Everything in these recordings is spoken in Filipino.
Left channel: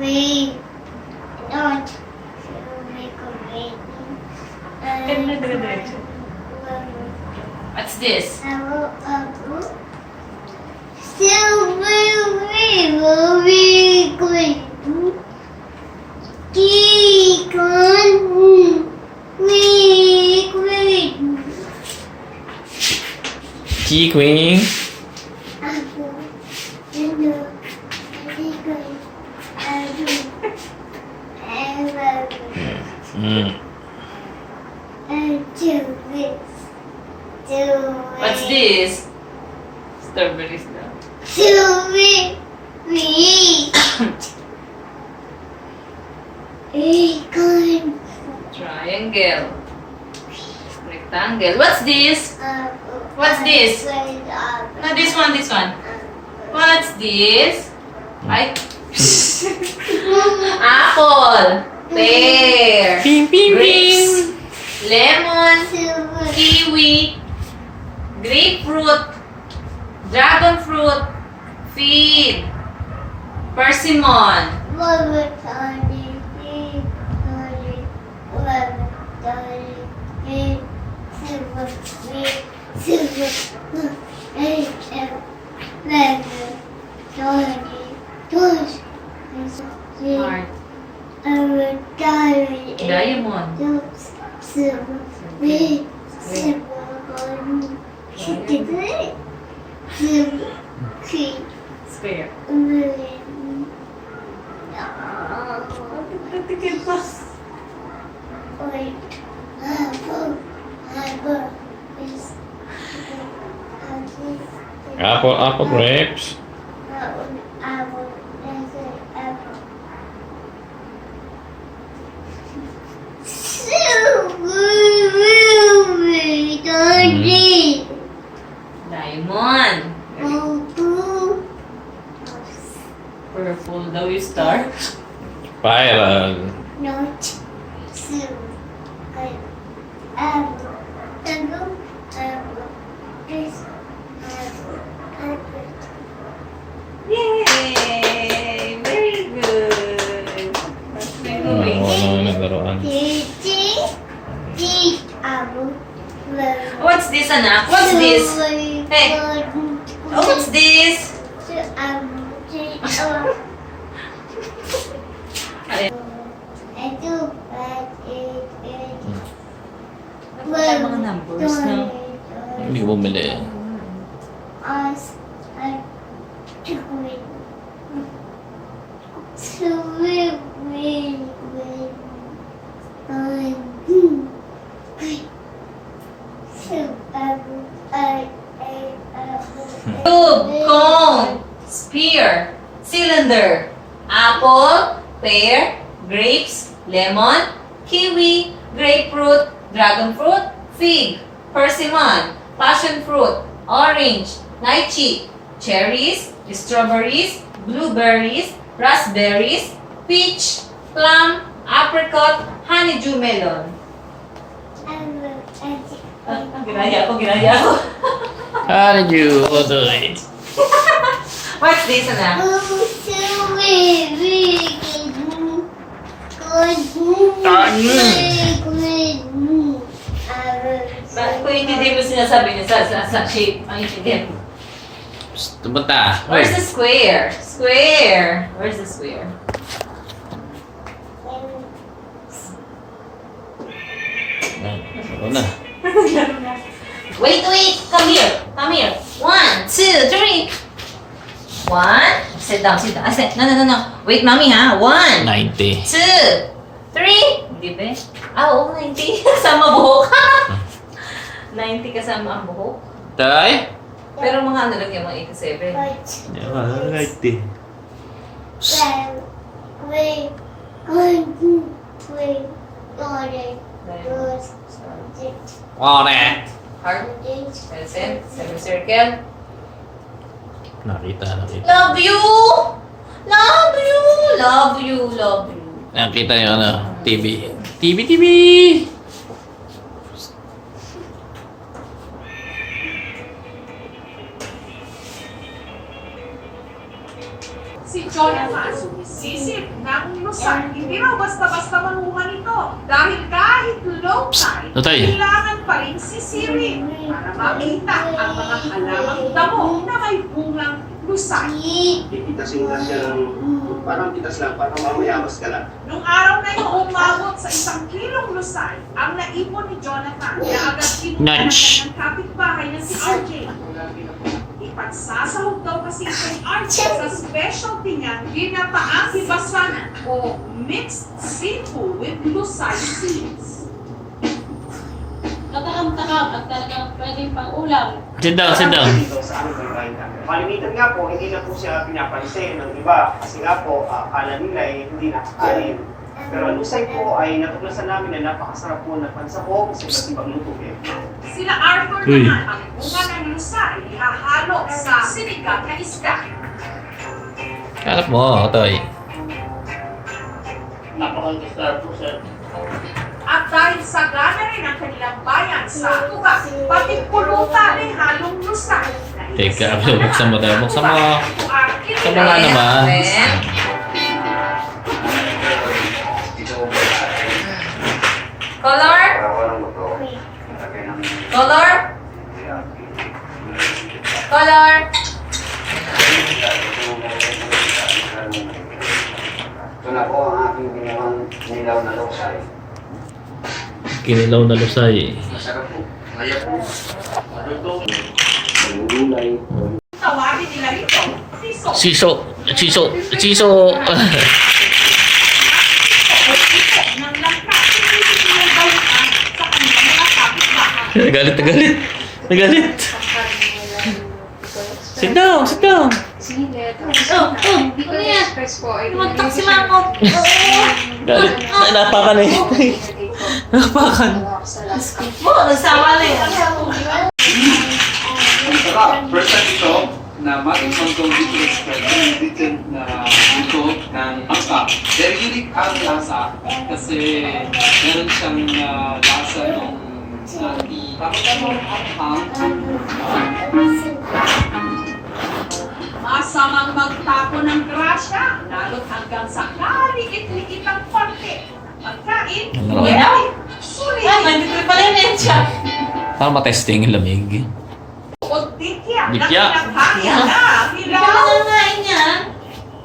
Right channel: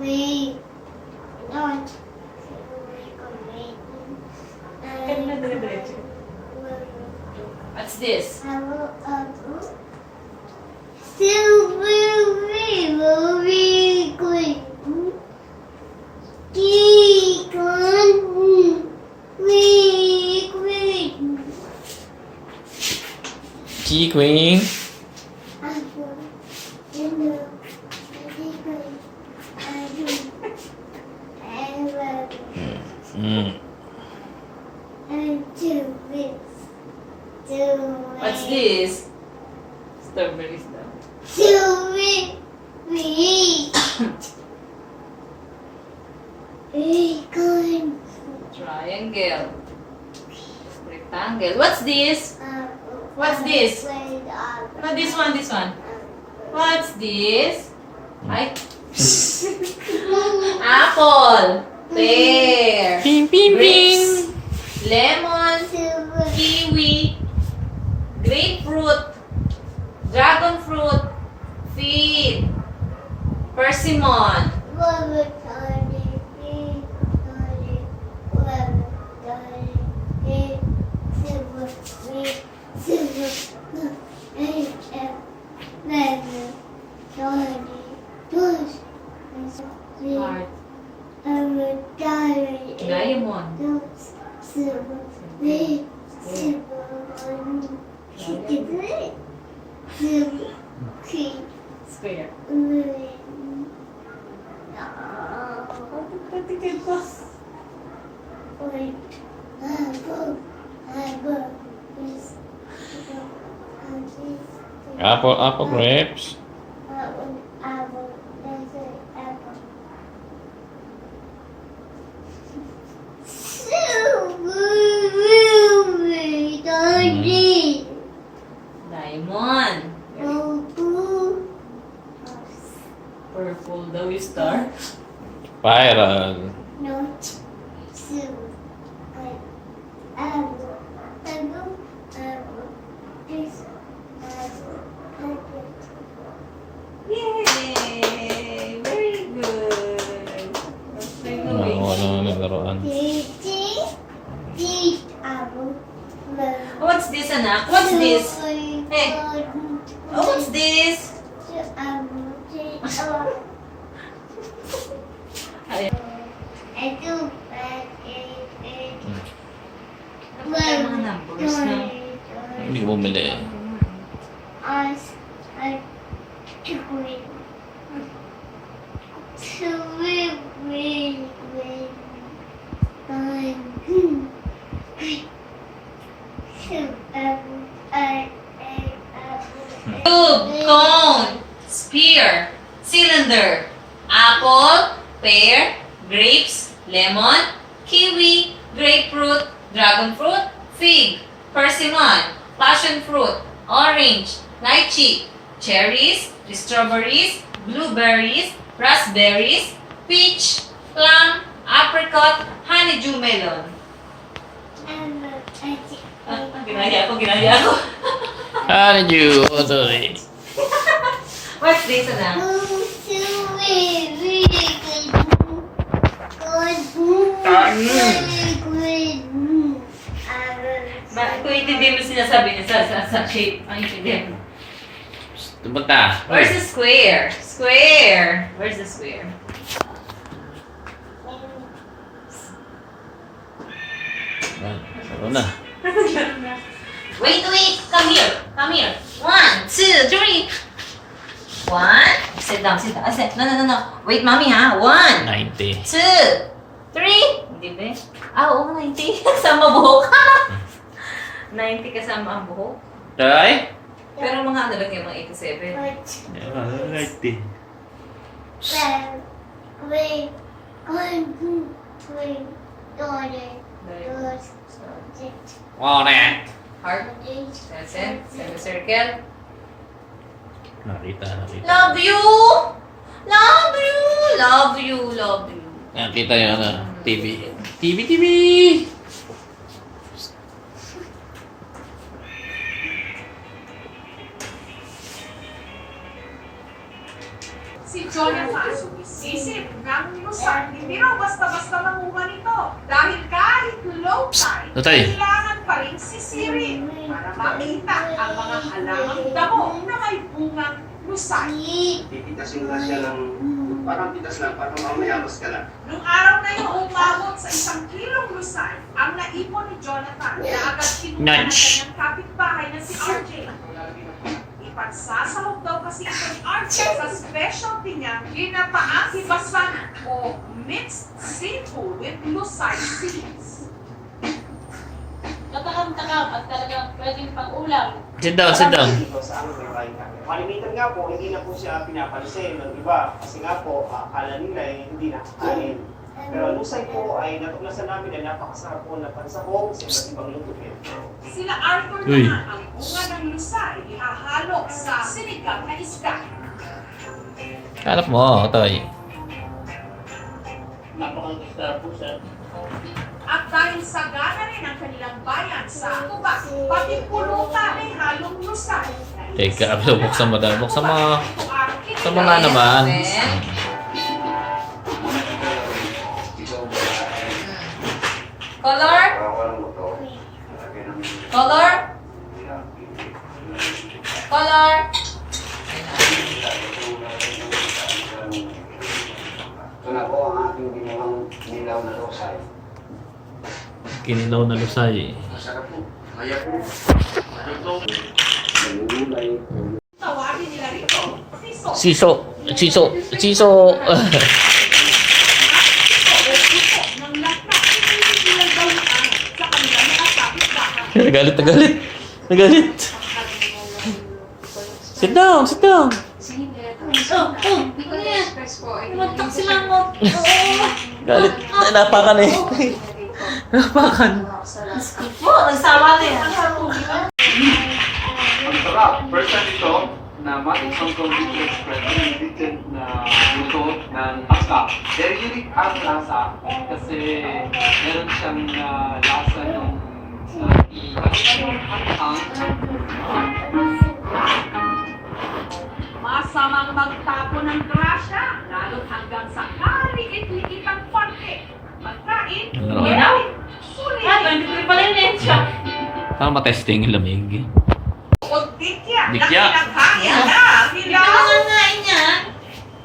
We not to make a rain. What's this? Still very good. Keep on Key Queen. What's this? Strawberries daw. Triangle. Rectangle. What's this? What's this? No, this one, this one. What's this? I apple, pear, Ping, ping, grapes, lemon, kiwi, grapefruit, dragon fruit, fig, persimmon. Heart. Diamond. Square. Apple, grapes. Diamond. Purple daw yung star. Spiral. Not so Yay! Very good. What's the doing? Ano naglaruan? What's this, anak? What's this? Hey. Oh, what's this? Ay, mga numbers, no? Hindi ko bumili. Tube, cone, spear, cylinder, apple, pear, grapes, lemon, kiwi, grapefruit, dragon fruit, fig, persimmon, passion fruit, orange, lychee, cherries, strawberries, blueberries, raspberries, peach, plum, apricot, honeydew melon. Ginaya ko. How did you do it? What's this, anak? Kung hindi mo sinasabi niya sa shape, ang intindihan mo. Tumunta. Where's the square? Square! Where's the square? Ano na? Wait! Come here! 1, 2, 3! 1. Sit down. No. Wait, mommy, ha? 1, 90. 2, 3. Give it. Oo, 90. Kasama buhok. 90 kasama ang buhok. Tay? Pero mga ano lang yung mga 87. 90. Wow, na. Heart, crescent, semicircle. Nakita. Love you! Nakita yung ano, TV. TV! Si Jonathan sumisisip ng lusay. Hindi raw basta-basta manguha nito. Dahil kahit low tide, Tatay. kailangan pa rin sisirin para makita ang mga halamang damo na may bungang lusay. Pipitasin nga siya ng parang pitas lang, parang mamayamas ka lang. Nung araw na yun, umabot sa 1 kilong lusay ang naipon ni Jonathan na agad kinuha ng Nudge. kanyang kapitbahay na si RJ. Ipagsasahog daw kasi ito ni RJ sa specialty niya, ginapaang hibasan o mixed seafood with lusay seeds. Natakam-takam at talagang pwedeng pang-ulam. Sit down, sit down. Dito sa aming barangay namin. Malimitan nga po, hindi na po siya pinapansin ng iba. Kasi nga po, akala nila hindi nakakain. Pero ang lusay po ay natuklasan namin na napakasarap po na pansahog sa iba't ibang luto. Sila Arthur Uy. naman, ang bunga ng lusay, ihahalo sa sinigang na isda. Hanap mo, Toy. Napakasarap po, sir. At dahil sagana rin ang kanilang bayan sa tuba, pati pulutan ay halong lusay. Teka, buksan mo dahil. Buksan mo. Buksan mo nga Ayan, naman. then, Color? Color? Color? Ito na po ang aking ginawang nilaw na lusay. Kinilaw na lusay. Masarap po. Kaya po. Malulay. Tawagin nila ito, siso. Siso. Siso. Siso. Ng lakas, hindi nila balikan sa kanilang mga kapitbahay. Nagalit, nagalit. Nagalit. Sit down, sit down. Ano yan? Tumuntok si Mangkok. Galit. Ay, napakan eh. Napakan. Oh, nasawa na yan. Ang sarap. First time ito na matikman ko dito spread dito na luto ng angka. Very unique ang lasa kasi meron siyang lasa ng Masamang magtapo ng grasya, lalo't hanggang sa kalikit-likit ang konti. Pagkain, Ano? pwede, Ah, sulit, 23 pala yung mensya. Para matesting yung lamig. o dikya, na Dikya. kinakaya na ang Hindi hilaw. ka nangangain yan.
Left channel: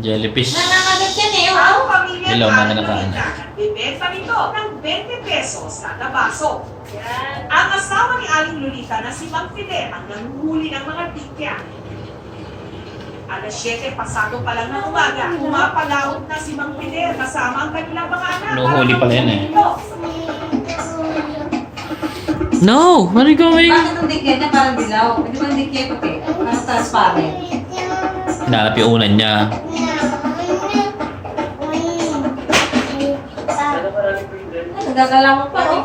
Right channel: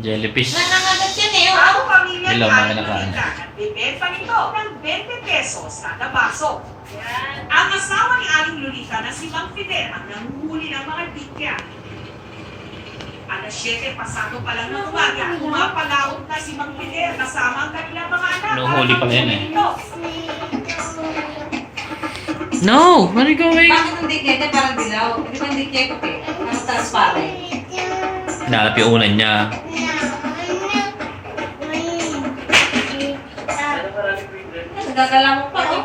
Jellyfish. Nangangagat yan eh. Ang Oh. pamilya Hello, mga ng nakaan. bibenta nito ng 20 pesos kada baso. Ang asawa ni Aling Lolita na si Mang Fidel ang nanguhuli ng mga dikya. Alas 7 pasado pa lang ng umaga, pumapalaot na si Mang Fidel kasama ang kanilang mga anak. Nahuhuli pala yan eh. Ito. No! Where are you going? Bakit ang dikya niya parang dilaw? Hindi ba ang dikya puti? Parang transparent. Hinanap yung unan niya. Nagagala mo pa. Oh.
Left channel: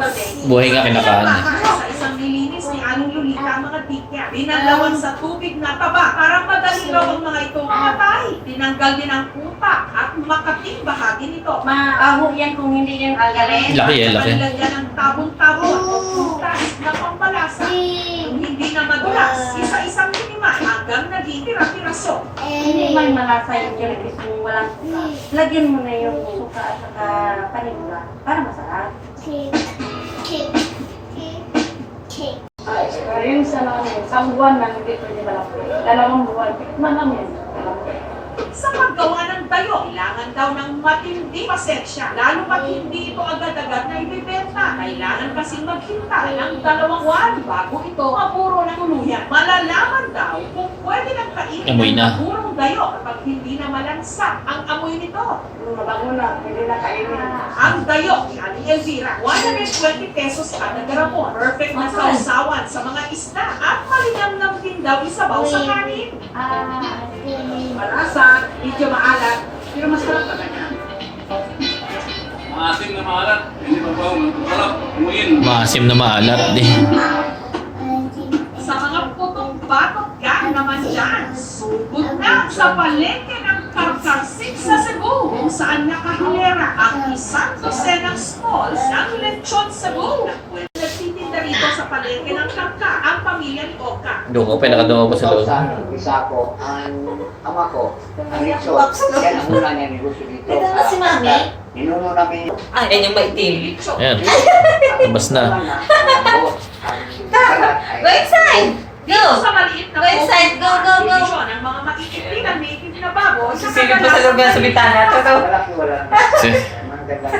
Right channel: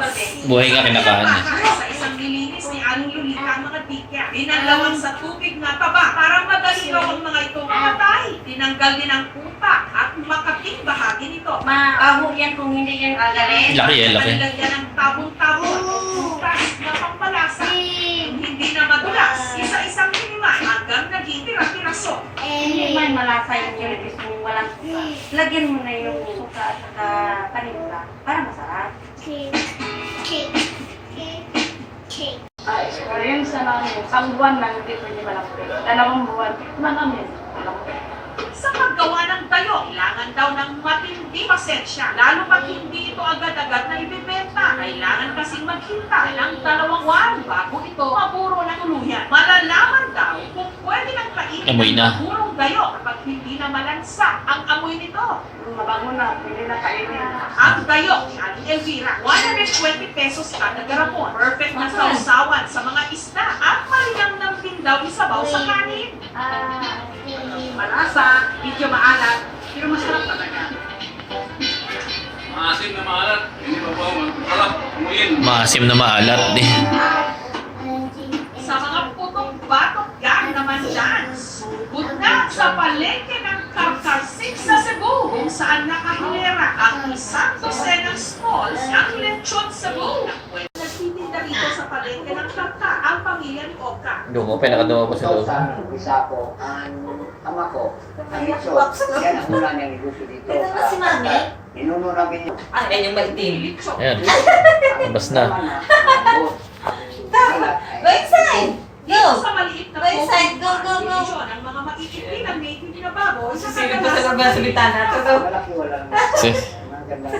Buhay nga kinakain niya. Sa isang nilinis ni Aling Lolita ang mga dikya. Dinalawan sa tubig na taba para madali raw ang mga ito mamatay. Tinanggal din ang kupa at makating bahagi nito. Maaho yan kung hindi yan gagaling. Laki eh, laki. Nilagyan ng tabong-tabong at prutas na pampalasa. Kung hindi na madulas, isa-isang minimay hanggang naging tira-tiraso. Hindi man malasa yung jellyfish kung walang suka. Lagyan mo na yung suka at saka paninda para masarap. Yung sa namin, isang buwan lang hindi pwede malapit. 2 buwan, manamin. Sa paggawa ng dayo, kailangan daw ng matindi pasensya. Lalo pat hindi ito agad-agad na ibibenta. Kailangan kasing maghintay ng 2 buwan bago ito mapuro ng tuluyan. Malalaman daw kung pwede nang kainin Amoy na. ng purong dayo kapag hindi na malansa ang amoy nito. Mabango na, pwede na kainin. Ang dayo ni Aling Elvira, 120 pesos kada garapon. Perfect na sausawan sa mga isda at malinamnam din daw isabaw sa kanin. Malasa, medyo maalat, pero masarap talaga. Maasim na maalat. Hindi pa po masarap. Umuyin. Maasim na maalat eh. Sa mga putong batok gang naman dyan, sugod na sa palengke ng Karkarsik sa Cebu, kung saan nakahilera ang isang dosenang smalls ng lechon Cebu. Nagtitinda rito sa sa palengke ng Kangka ang pamilya ni Oka. Doon ko, pinakadungo ko sa loob. Sa umpisa ko, ang ama ko, ang Ritso, yan ang una niya negosyo dito. Ito na si Mami? Ninuno namin yung Ah, yan yung maitim. Litso. Ayan. Labas na. Go inside! Go! Sa maliit na Go inside. Go, go, go. division ng mga makikitilan native na baboy sa Silip po sa loob yan sa bitana. Ito. Malaki wala na. Si- Magandang